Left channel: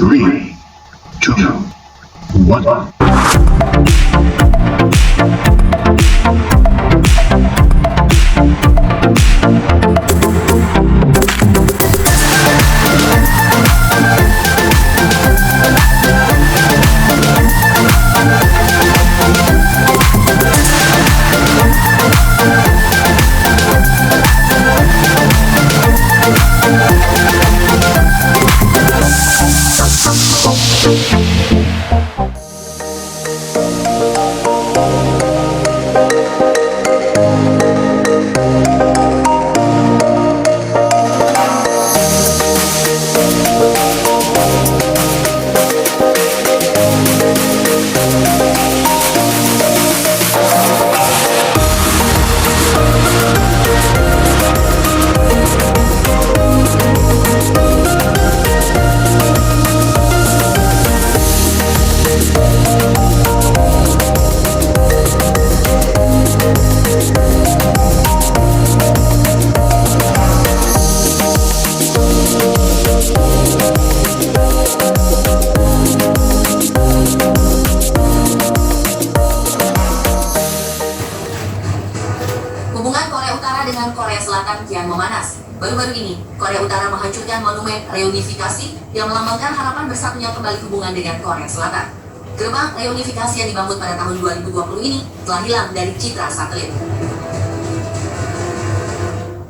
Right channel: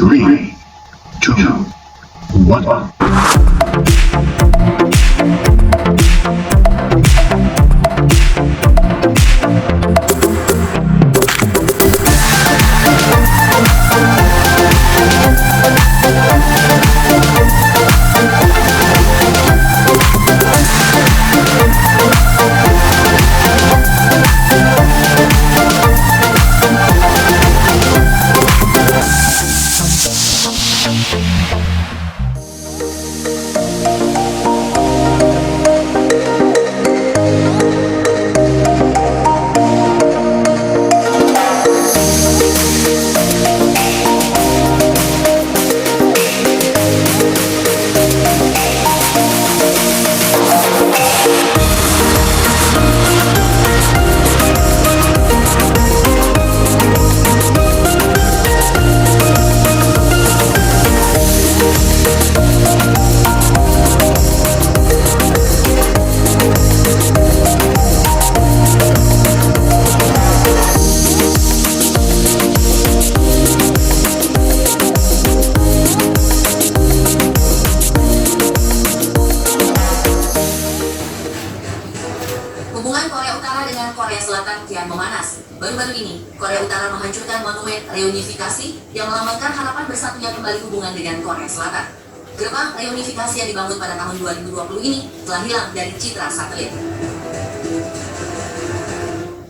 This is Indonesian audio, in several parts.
3, 2, 1. Hubungan Korea Utara dengan Korea Selatan kian memanas. Baru-baru ini, Korea Utara menghancurkan monumen reunifikasi yang melambangkan harapan bersatunya kembali hubungan dengan Korea Selatan. Gerbang reunifikasi yang dibangun pada tahun 2020 ini telah hilang dari citra satelit.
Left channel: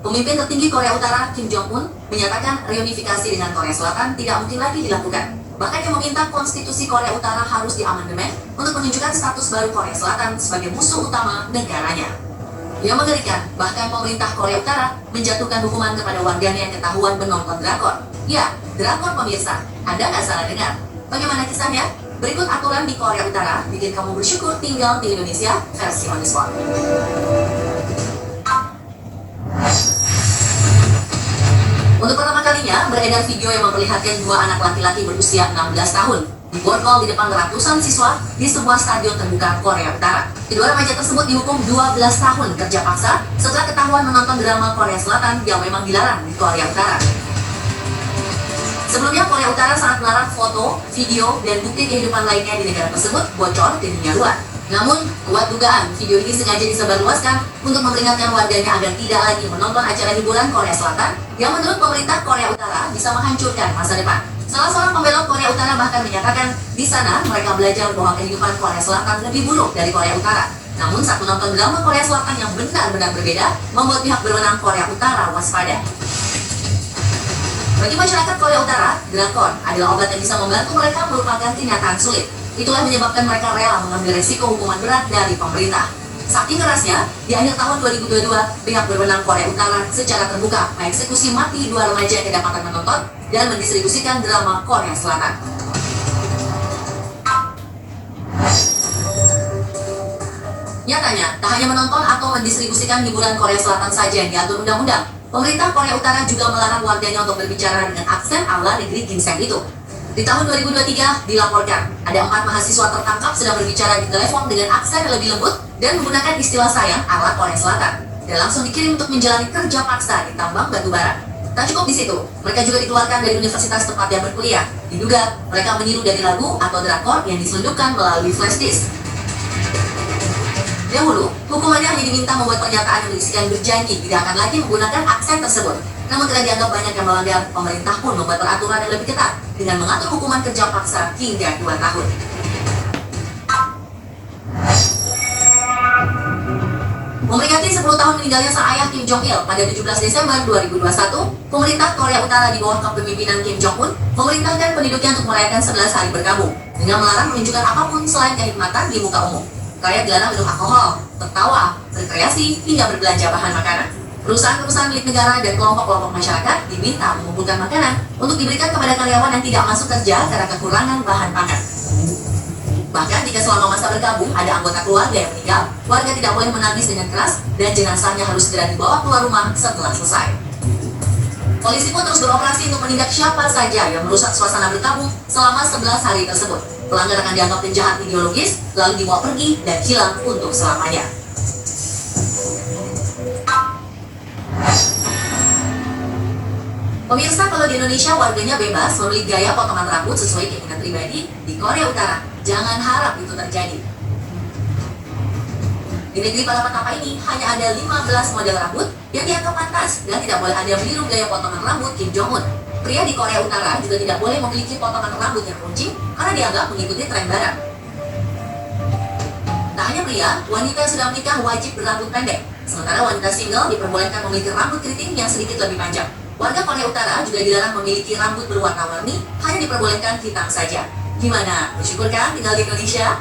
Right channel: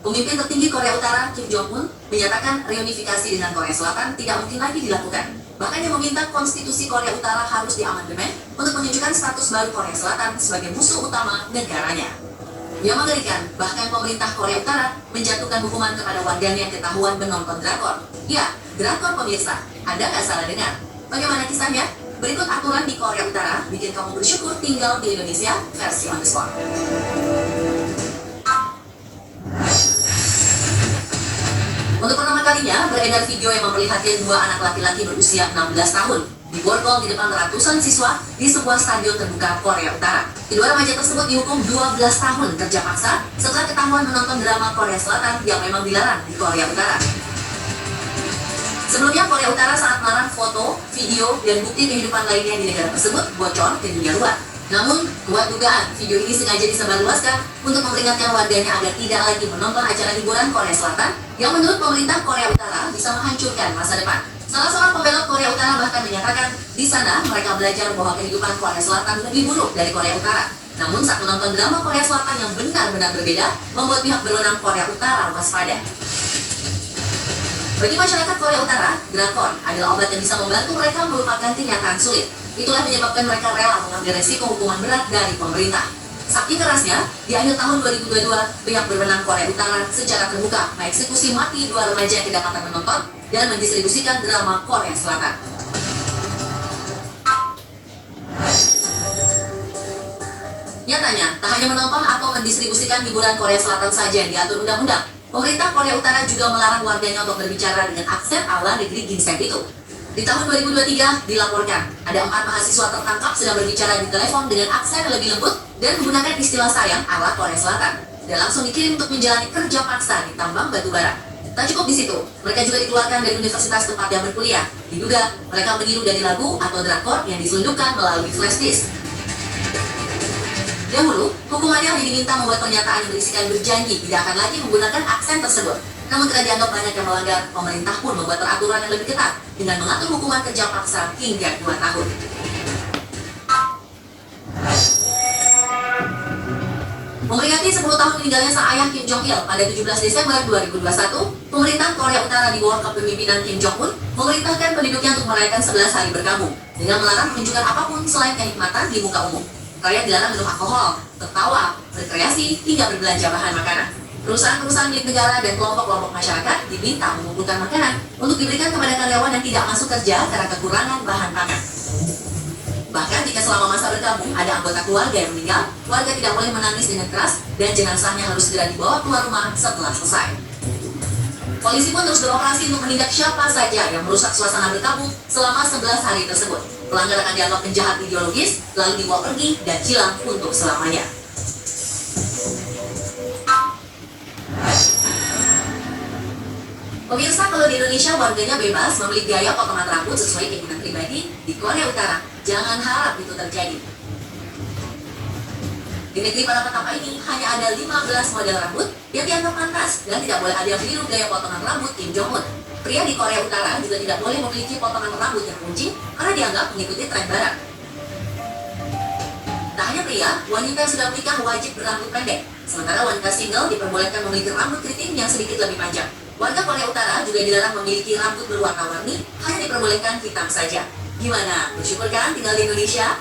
Pemimpin tertinggi Korea Utara, Kim Jong-un, menyatakan reunifikasi dengan Korea Selatan tidak mungkin lagi dilakukan. Bahkan dia meminta konstitusi Korea Utara harus diamandemen untuk menunjukkan status baru Korea Selatan sebagai musuh utama negaranya. Yang mengerikan, bahkan pemerintah Korea Utara menjatuhkan hukuman kepada warganya yang ketahuan menonton drakor. Ya, drakor pemirsa, Anda nggak salah dengar. Bagaimana kisahnya? Berikut aturan di Korea Utara bikin kamu bersyukur tinggal di Indonesia versi on the spot. Untuk pertama kalinya, beredar video yang memperlihatkan dua anak laki-laki berusia 16 tahun diborgol di depan ratusan siswa di sebuah stadion terbuka Korea Utara. Kedua remaja tersebut dihukum 12 tahun kerja paksa setelah ketahuan menonton drama Korea Selatan yang memang dilarang di Korea Utara. Sebelumnya, Korea Utara sangat melarang foto, video, dan bukti kehidupan lainnya di negara tersebut bocor ke dunia luar. Namun, kuat dugaan video ini sengaja disebarluaskan untuk memperingatkan warganya agar tidak lagi menonton acara hiburan Korea Selatan yang menurut pemerintah Korea Utara bisa menghancurkan masa depan. Salah seorang pembelot Korea Utara bahkan menyatakan di sana mereka belajar bahwa kehidupan Korea Selatan lebih buruk dari Korea Utara. Namun saat menonton drama Korea Selatan yang benar-benar berbeda, membuat pihak berwenang Korea Utara waspada. Bagi masyarakat Korea Utara, drakor adalah obat yang bisa membantu mereka melupakan kenyataan sulit. Itulah menyebabkan mereka rela mengambil resiko hukuman berat dari pemerintah. Saking kerasnya, di akhir tahun 2022, pihak berwenang Korea Utara secara terbuka mengeksekusi mati dua remaja yang kedapatan menonton dan mendistribusikan drama Korea Selatan. Nyatanya, tak hanya menonton atau mendistribusikan hiburan Korea Selatan saja yang diatur undang-undang, pemerintah Korea Utara juga melarang warganya untuk berbicara dengan aksen ala negeri ginseng itu. Di tahun 2023 dilaporkan ada 4 mahasiswa tertangkap sedang berbicara di telepon dengan aksen yang lebih lembut dan menggunakan istilah sayang ala Korea Selatan dan langsung dikirim untuk menjalani kerja paksa di tambang batu bara. Tak cukup di situ, mereka juga dikeluarkan dari universitas tempat yang berkuliah. Diduga mereka meniru dari lagu atau drakor yang diselundupkan melalui flash disk. Dahulu, hukumannya hanya diminta membuat pernyataan yang berisikan berjanji tidak akan lagi menggunakan aksen tersebut. Namun karena dianggap banyak yang melanggar, pemerintah pun membuat peraturan yang lebih ketat dengan mengatur hukuman kerja paksa hingga 2 tahun. Memperingati 10 tahun meninggalnya sang ayah Kim Jong Il pada 17 Desember 2021, pemerintah Korea Utara di bawah kepemimpinan Kim Jong-un memerintahkan penduduknya untuk merayakan 11 hari berkabung dengan melarang menunjukkan apapun selain kenikmatan di muka umum. Rakyat dilarang minum alkohol, tertawa, berkreasi, hingga berbelanja bahan makanan. Perusahaan-perusahaan milik negara dan kelompok-kelompok masyarakat diminta mengumpulkan makanan untuk diberikan kepada karyawan yang tidak masuk kerja karena kekurangan bahan pangan. Bahkan jika selama masa berkabung ada anggota keluarga yang meninggal, warga tidak boleh menangis dengan keras dan jenazahnya harus segera dibawa keluar rumah setelah selesai. Polisi pun terus beroperasi untuk menindak siapa saja yang merusak suasana berkabung selama 11 hari tersebut. Pelanggar akan dianggap penjahat ideologis, lalu dibawa pergi dan hilang untuk selamanya. Pemirsa, kalau di Indonesia warganya bebas memilih gaya potongan rambut sesuai keinginan pribadi, di Korea Utara jangan harap itu terjadi. Di negeri para petapa ini hanya ada 15 model rambut yang dianggap pantas dan tidak boleh ada yang meniru gaya potongan rambut Kim Jong-un. Pria di Korea Utara juga tidak boleh memiliki potongan rambut yang runcing karena dianggap mengikuti tren barat. Tak hanya pria, wanita yang sudah menikah wajib berambut pendek, sementara wanita single diperbolehkan memiliki rambut keriting yang sedikit lebih panjang. Warga Korea Utara juga dilarang memiliki rambut berwarna-warni, hanya diperbolehkan hitam saja. Gimana? Bersyukur kan tinggal di Indonesia?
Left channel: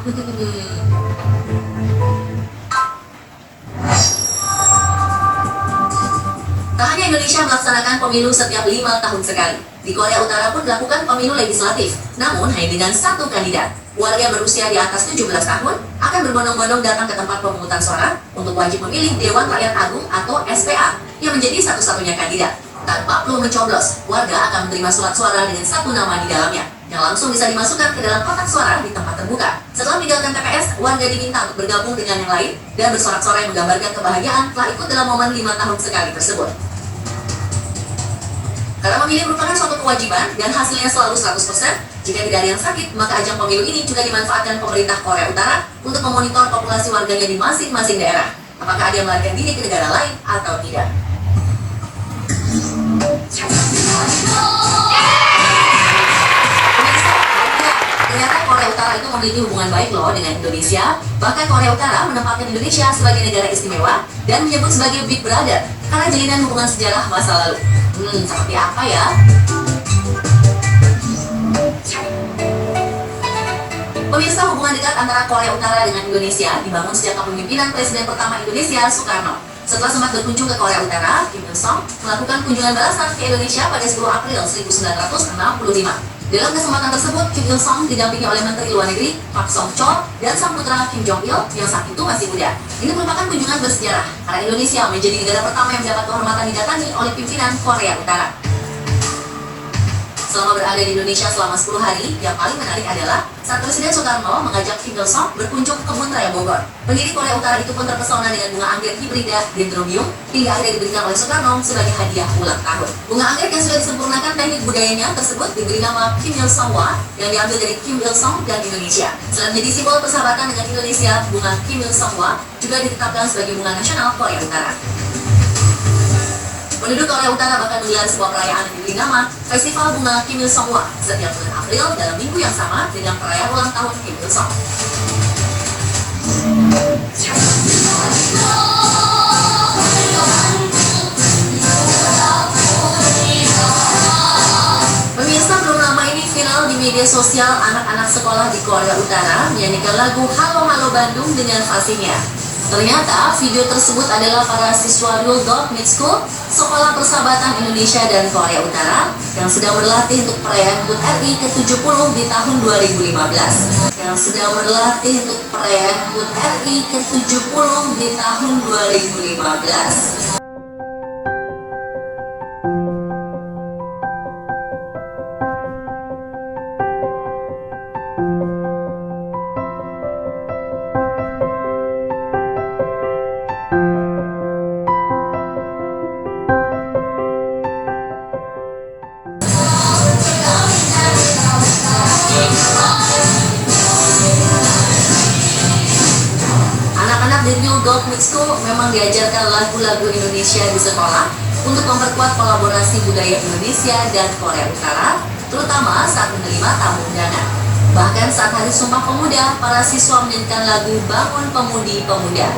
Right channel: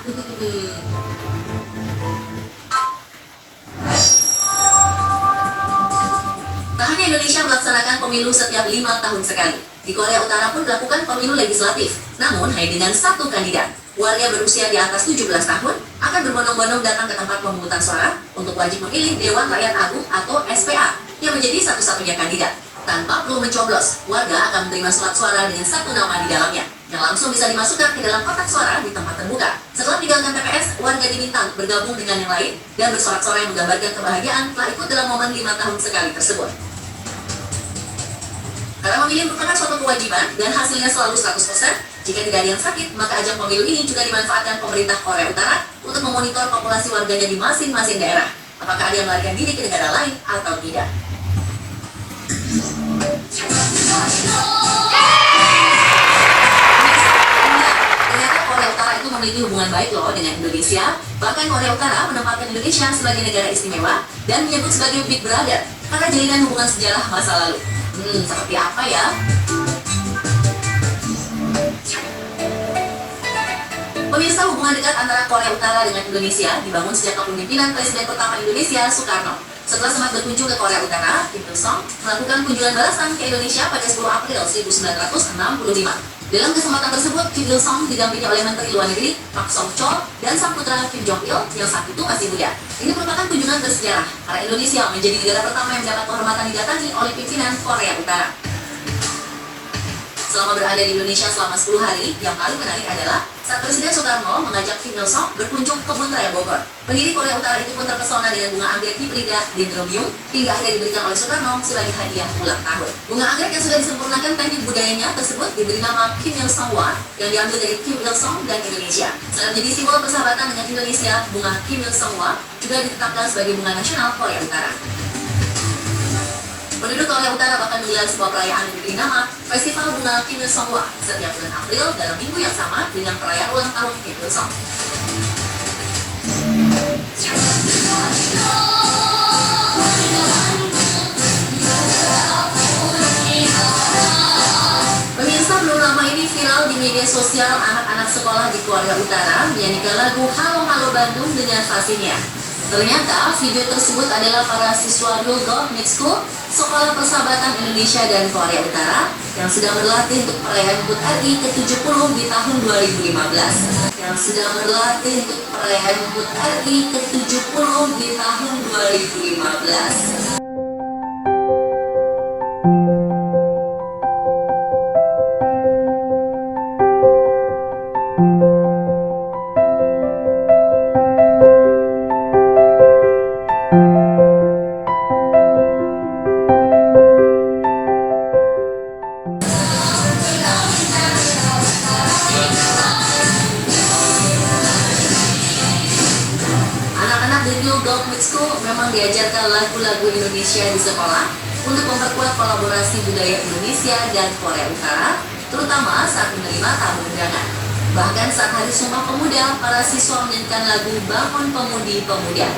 Tak hanya Indonesia melaksanakan pemilu setiap 5 tahun sekali. Di Korea Utara pun melakukan pemilu legislatif, namun hanya dengan satu kandidat. Warga berusia di atas 17 tahun akan berbondong-bondong datang ke tempat pemungutan suara untuk wajib memilih Dewan Rakyat Agung atau SPA yang menjadi satu-satunya kandidat. Tanpa perlu mencoblos, warga akan menerima surat suara dengan satu nama di dalamnya, yang langsung bisa dimasukkan ke dalam kotak suara di tempat terbuka. Setelah meninggalkan TPS, warga diminta untuk bergabung dengan yang lain dan bersorak-sorai yang menggambarkan kebahagiaan telah ikut dalam momen 5 tahun sekali tersebut. Karena memilih merupakan suatu kewajiban dan hasilnya selalu 100%, jika tidak ada yang sakit, maka ajang pemilu ini juga dimanfaatkan pemerintah Korea Utara untuk memonitor populasi warganya di masing-masing daerah. Apakah ada yang melarikan diri ke negara lain atau tidak. Ternyata Korea Utara itu memiliki hubungan baik loh dengan Indonesia. Bahkan Korea Utara menempatkan Indonesia sebagai negara istimewa dan menyebut sebagai Big Brother karena jalinan hubungan sejarah masa lalu. Seperti apa ya? Pemirsa, hubungan dekat antara Korea Utara dengan Indonesia dibangun sejak kepemimpinan Presiden pertama Indonesia, Soekarno. Setelah sempat berkunjung ke Korea Utara, Kim Il-sung melakukan kunjungan balasan ke Indonesia pada 10 April 1965. Dalam kesempatan tersebut, Kim Il-sung didampingi oleh Menteri Luar Negeri Pak Song-chol dan sang putra Kim Jong-il yang saat itu masih muda. Ini merupakan kunjungan bersejarah karena Indonesia menjadi negara pertama yang mendapat kehormatan didatangi oleh pimpinan Korea Utara. Selama berada di Indonesia selama 10 hari, yang paling menarik adalah saat Presiden Soekarno mengajak Kim Il-sung berkunjung ke Kebun Raya Bogor. Pendiri Korea Utara itu pun terpesona dengan bunga anggrek hibrida Dendrobium hingga akhirnya diberikan oleh Soekarno sebagai hadiah ulang tahun. Bunga anggrek yang sudah disempurnakan teknik budayanya tersebut diberi nama Kim Il-sung Wa yang diambil dari Kim Il-sung dan Indonesia. Selain menjadi simbol persahabatan dengan Indonesia, bunga Kim Il-sung Wa juga ditetapkan sebagai bunga nasional Korea Utara. Penduduk Korea Utara bahkan menggelar sebuah perayaan yang diberi nama Festival Bunga Kim Il-sung Wa setiap bulan April dalam minggu yang sama dengan perayaan ulang tahun Kim Il-sung. Pemirsa, belum lama ini viral di media sosial anak-anak sekolah di Korea Utara menyanyikan lagu Halo Halo Bandung dengan fasihnya. Ternyata video tersebut adalah para siswa Ryul Government School, Sekolah Persahabatan Indonesia dan Korea Utara yang sedang berlatih untuk perayaan HUT RI ke-70 di tahun 2015. Yang sedang berlatih untuk perayaan HUT RI ke-70 di tahun 2015. Di Ryul Government School memang diajarkan lagu-lagu Indonesia di sekolah untuk memperkuat kolaborasi budaya Indonesia dan Korea Utara, terutama saat menerima tamu undangan. Bahkan saat Hari Sumpah Pemuda, para siswa menyanyikan lagu Bangun Pemudi Pemuda.